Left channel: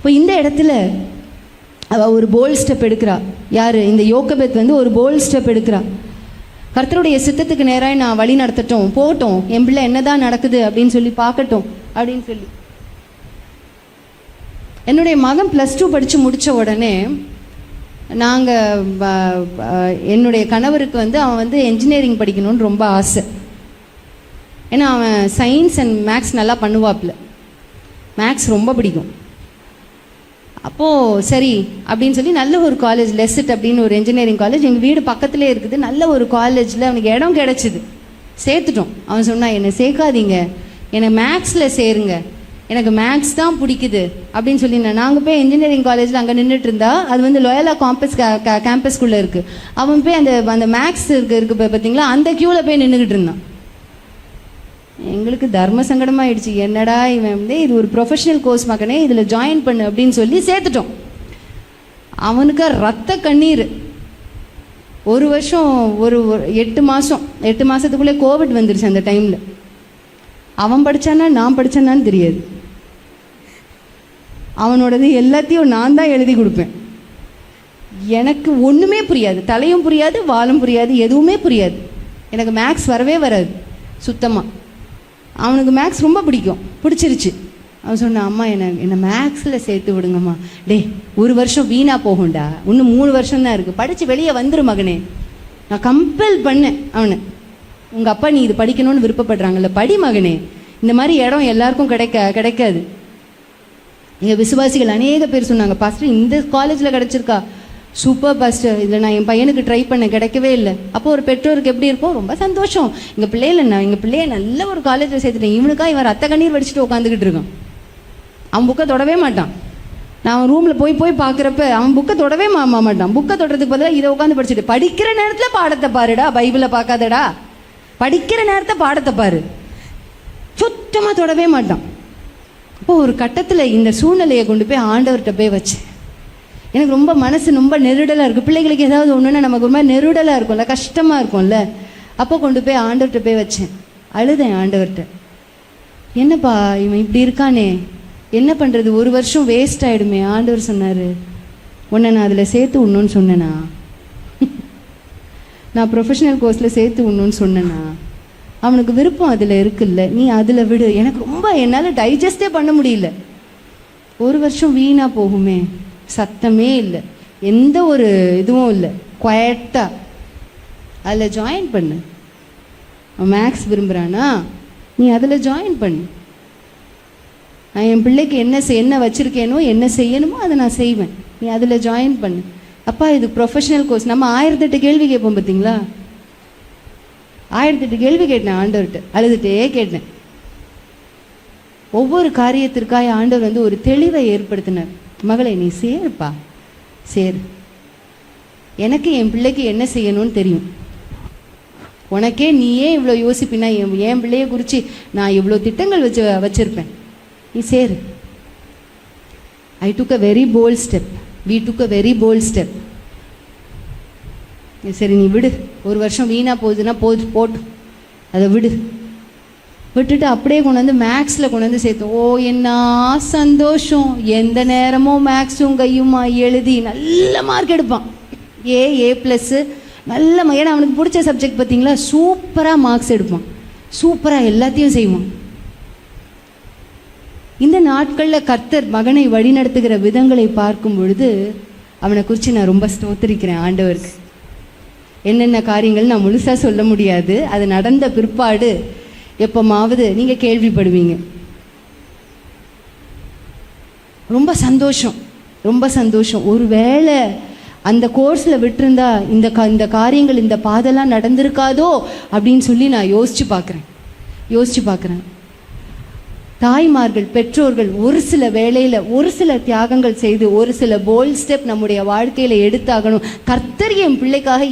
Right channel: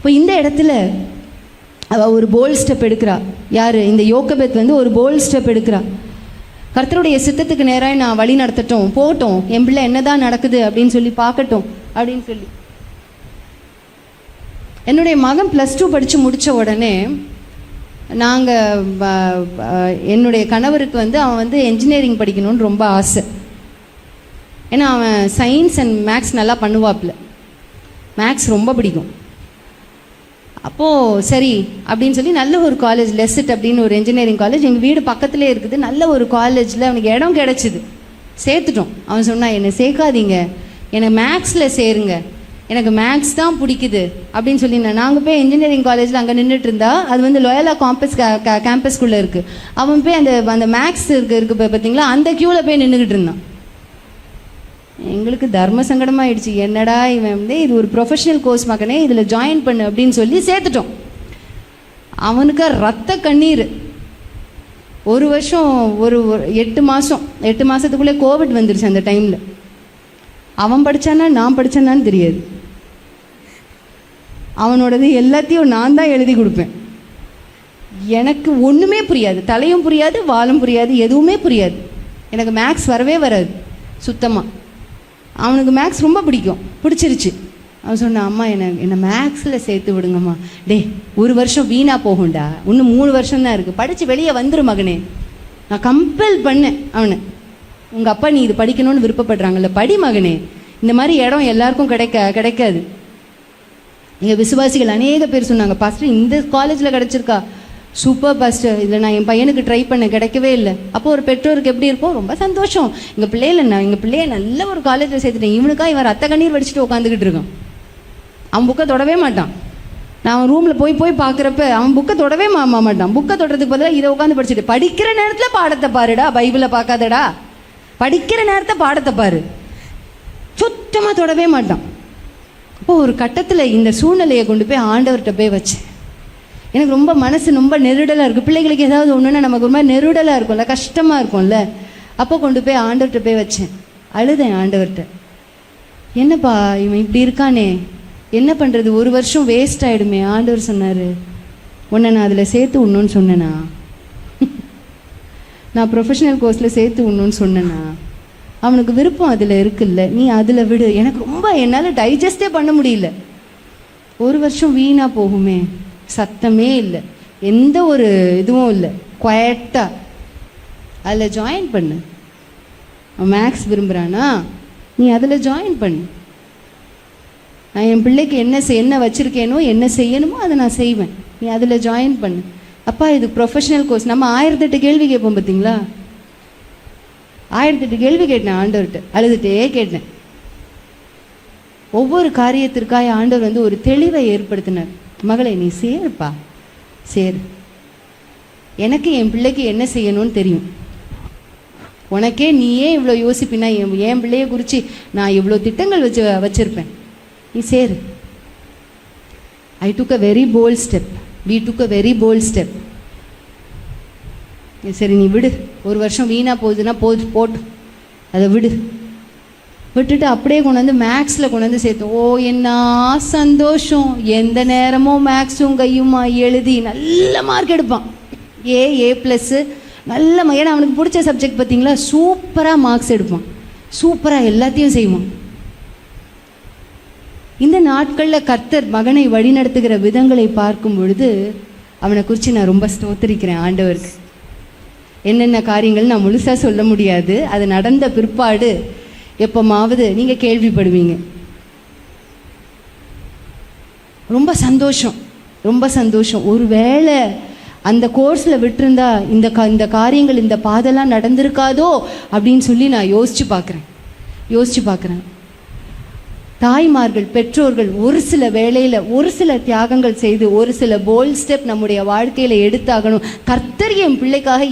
இப்போ இந்த இடத்துல அவ ஒரு போல்ட் ஸ்டெப் எடுக்கிறா. யாரு? இந்த யோக்கபெத் வந்து ஒரு போல்ட் ஸ்டெப் எடுக்கிறா. கர்த்தருடைய சித்தத்துக்கு நேராக நான் வழி நடத்தட்டும், போட்டோம், என் பிள்ளை என்னதான் நடக்குது அப்படின்னு சொல்லி பார்க்கட்டும் அப்படின்னு சொல்லி. என்னுடைய மகன் +2 படிச்சு முடிச்ச உடனே என்னுடைய கணவருக்கு வந்து அவன் வந்து என்ஜினியரிங் படிக்கணும்னு ரொம்ப ஆசை. ஏன்னா அவன் சயின்ஸ் அண்ட் மேக்ஸ் நல்லா பண்ணுவாப்ல, மேக்ஸ் ரொம்ப பிடிக்கும். அப்போ சரி அப்படின்னு சொல்லி நல்ல ஒரு காலேஜ், லெசிட் அப்படின்னு ஒரு என்ஜினியரிங் காலேஜ் எங்கள் வீடு பக்கத்திலே இருக்குது. நல்ல ஒரு காலேஜில் அவனுக்கு இடம் கிடைச்சிது, சேர்த்துட்டோம். அவன் சொன்னான், என்னை சேர்க்காதீங்க, என்னை மேக்ஸில் சேருங்க, எனக்கு மேக்ஸ் தான் பிடிக்குது அப்படின்னு சொல்லி. நாங்கள் போய் என்ஜினியரிங் காலேஜில் அங்கே நின்றுட்டு இருந்தா, அது வந்து லோயலா கேம்பஸ்குள்ளே இருக்குது. அவன் போய் அந்த மேக்ஸ் இருக்கு பார்த்தீங்களா, அந்த கியூவில் போய் நின்றுக்கிட்டு இருந்தான். எங்களுக்கு தர்ம சங்கடமாயிடுச்சு. என்னடா இவன் வந்து இது ஒரு ப்ரொஃபஷனல் கோர்ஸ் மகனே, இதில் ஜாயின் பண்ணு அப்படின்னு சொல்லி சேர்த்துட்டோம். அவனுக்கு ரத்த கண்ணீர். ஒரு வருஷம் ஒரு 8 மாசத்துக்குள்ளே கோவிட் வந்துருச்சு. அந்த டைம்ல அவன் படிச்சானா நான் படிச்சானான்னு தெரியாது. அவனோடது எல்லாத்தையும் நான் தான் எழுதி கொடுப்பேன். எனக்கு ஒண்ணுமே புரியாது, தலையும் புரியாது, வாலும் புரியாது, எதுவுமே புரியாது. எனக்கு மேக்ஸ் வரவே வராது சுத்தமா. அவனுக்கு மேக்ஸ் ரொம்ப பிடிச்சிருச்சு. அவன் சொன்னான், அம்மா என்ன மேக்ஸில் சேர்த்து விடுங்கம்மா. ஒரு வருஷம் வீணா போகும்டா, இன்னும் 3 வருஷம் தான் இருக்கு, படிச்சு வெளியே வந்துரு மகனே. நான் கம்பல் பண்ணேன் அவனை, உங்க அப்பா நீ இது படிக்கணும்னு விருப்பப்படுறாங்கல்ல, படி மகனே. இந்த மாதிரி இடம் எல்லாருக்கும் கிடைக்காது. எங்க விசுவாசிகள் அநேக பேர் சொன்னாங்க, பாஸ்டர் இந்த காலேஜ்ல கிடைச்சிருக்கா, சூப்பர் பாஸ்டர், இதில் நான் என் பையனுக்கு ட்ரை பண்ண கிடைக்கவே இல்லை. அப்போ ஒரு பெற்றோருக்கு எப்படி இருக்கும், ரொம்ப சந்தோஷம், எங்கள் பிள்ளைய நல்ல ஒரு காலேஜில் சேர்த்துட்டேன், இவனுக்கா இவன் ரத்த கண்ணீர் வடிச்சுட்டு உட்காந்துக்கிட்டு இருக்கான். அவன் புக்கை தொடவே மாட்டான். நான் அவன் ரூமில் போய் பார்க்குறப்ப அவன் புக்கை தொடவே மாட்டான். புக்கை தொடறதுக்கு பதிலாக இதை உட்காந்து படிச்சுட்டு, படிக்கிற நேரத்தில் பாடத்தை பாருடா, பைபிளை பார்க்காதடா, படிக்கிற நேரத்தை பாடத்தை பாரு, சுத்தமாக தொடவே மாட்டான். அப்போ ஒரு கட்டத்தில் இந்த சூழ்நிலையை கொண்டு போய் ஆண்டவர்கிட்ட போய் வச்சேன். எனக்கு ரொம்ப மனசு ரொம்ப நெருடலாக இருக்குது. பிள்ளைகளுக்கு ஏதாவது ஒன்றுன்னா நமக்கு ரொம்ப நெருடலாக இருக்கும்ல, கஷ்டமாக இருக்கும்ல. அப்போ கொண்டு போய் ஆண்டவர்கிட்ட போய் வச்சேன், அழுதேன் ஆண்டவர்கிட்ட. என்னப்பா இவன் இப்படி இருக்கானே, என்ன பண்ணுறது, ஒரு வருஷம் வேஸ்ட் ஆகிடுமே. ஆண்டவர் சொன்னார், உன்னை நான் அதில் சேர்த்து விடணும்னு சொன்னேனா, நான் ப்ரொஃபஷனல் கோர்ஸில் சேர்த்து விடணும்னு சொன்னேனா, அவனுக்கு விருப்பம் அதில் இருக்குல்ல, நீ அதில் விடு. எனக்கு ரொம்ப என்னால் டைஜஸ்டே பண்ண முடியல. ஒரு வருஷம் வீணா போகுமே, சத்தமே இல்லை, எந்த ஒரு இதுவும் இல்லை, குவைட்டா அதில் ஜாயின் பண்ணு. மேக்ஸ் விரும்புகிறானா, நீ அதில் ஜாயின் பண்ணு. நான் என் பிள்ளைக்கு என்ன வச்சிருக்கேனோ, என்ன செய்யணுமோ அதை நான் செய்வேன், நீ அதில் ஜாயின் பண்ணு. அப்பா இது ப்ரொஃபஷனல் கோர்ஸ். நம்ம 1008 கேள்வி கேட்போம் பார்த்தீங்களா, 1008 கேள்வி கேட்டேன் ஆண்டவர்கிட்ட, அழுதுட்டே கேட்டேன். ஒவ்வொரு காரியத்திற்காக ஆண்டவர் வந்து ஒரு தெளிவை ஏற்படுத்தினார். மகளே நீ சேருப்பா, சேரு, எனக்கு என் பிள்ளைக்கு என்ன செய்யணும்னு தெரியும், உனக்கே நீயே இவ்வளோ யோசிப்பினா என் பிள்ளைய குறித்து நான் இவ்வளோ திட்டங்கள் வச்சிருப்பேன், நீ சேரு. I took a very bold step. We took a very bold step. சரி நீ விடு, ஒரு வருஷம் வீணா போகுதுன்னா போட்டு அதை விட்டுட்டு அப்படியே கொண்டு வந்து மேக்ஸில் கொண்டு வந்து சேர்த்து. ஓ என்ன சந்தோஷம், எந்த நேரமும் மேக்ஸும் கையுமா எழுதி நல்ல மார்க் எடுப்பான், A+, நல்ல. ஏன்னா அவனுக்கு பிடிச்ச சப்ஜெக்ட் பார்த்தீங்களா, சூப்பராக மார்க்ஸ் எடுப்பான், சூப்பராக எல்லாத்தையும் செய்வான். இந்த நாட்களில் கர்த்தர் மகனை வழிநடத்துகிற விதங்களை பார்க்கும் பொழுது அவனை குறித்து நான் ரொம்ப ஸ்தோத்திரிக்கிறேன் ஆண்டவருக்கு. என்னென்ன காரியங்கள் நான் முழுசா சொல்ல முடியாது, அது நடந்த பிற்பாடு எப்பமாவது நீங்க கேள்விப்படுவீங்க. ரொம்ப சந்தோஷம், ரொம்ப சந்தோஷம். ஒருவேளை அந்த கோர்ஸ்ல விட்டுருந்தா இந்த காரியங்கள், இந்த பாதெல்லாம் நடந்திருக்காதோ அப்படின்னு சொல்லி நான் யோசிச்சு பார்க்கிறேன். தாய்மார்கள், பெற்றோர்கள் ஒரு சில வேளையில ஒரு சில தியாகங்கள் செய்து ஒரு சில போல்ட் ஸ்டெப் நம்முடைய வாழ்க்கையில எடுத்தாகணும். கர்த்தர் என் பிள்ளைக்காக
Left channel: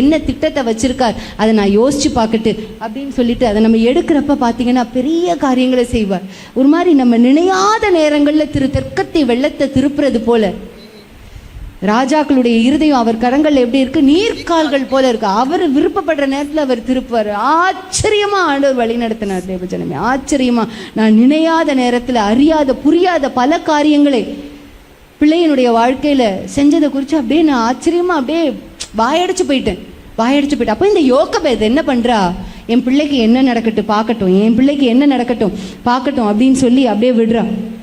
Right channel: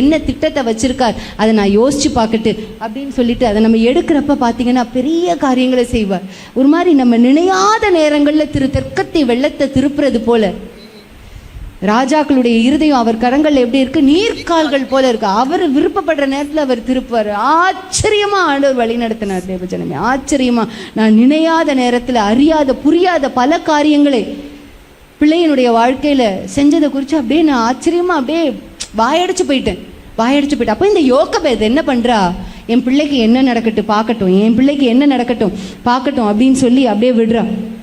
என்ன திட்டத்தை வச்சிருக்கார், அதை நான் யோசிச்சு பார்க்கட்டு அப்படின்னு சொல்லிட்டு அதை நம்ம எடுக்கிறப்ப பாத்தீங்கன்னா பெரிய காரியங்களை செய்வார். ஒரு மாதிரி நம்ம நினையாத நேரங்கள்ல தெற்கத்தை வெள்ளத்தை திருப்புறது போல ராஜாக்களுடைய இருதயம் அவர் கரங்கள் எப்படி இருக்கு, நீர்க்கால்கள் போல இருக்கு. அவர் விருப்பப்படுற நேரத்தில் அவர் திருப்புவார். ஆச்சரியமா ஆண்டவர் வழி நடத்தினார் தேவஜனமே, ஆச்சரியமா. நான் நினையாத நேரத்தில் அறியாத புரியாத பல காரியங்களை பிள்ளையினுடைய வாழ்க்கையில செஞ்சதை குறித்து அப்படியே நான் ஆச்சரியமா அப்படியே வாயடிச்சு போயிட்டேன். அப்போ இந்த யோகபேத் என்ன பண்றா, என் பிள்ளைக்கு என்ன நடக்கட்டும் பார்க்கட்டும், என் பிள்ளைக்கு என்ன நடக்கட்டும் பார்க்கட்டும் அப்படின்னு சொல்லி அப்படியே விடுறா.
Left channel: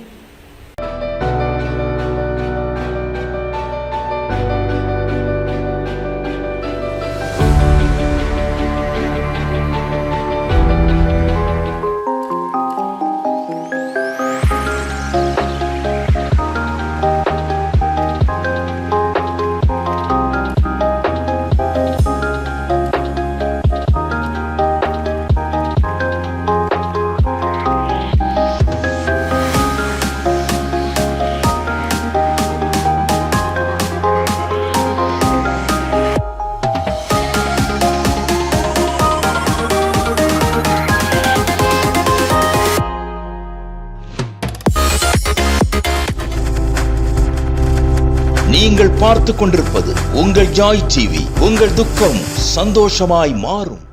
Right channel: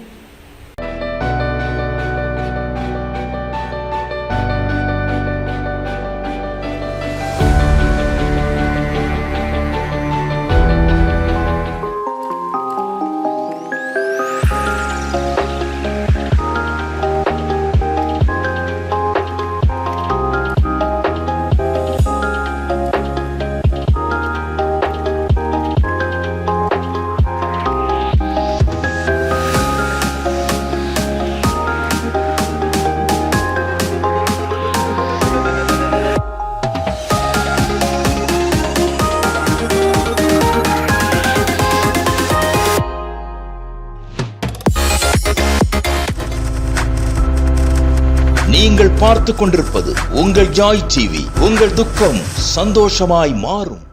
நீங்கள் பார்த்துக் கொண்டிருப்பது உங்கள் ஜாய் டிவி. உங்கள் துக்கம் சந்தோஷமாய் மாறும்.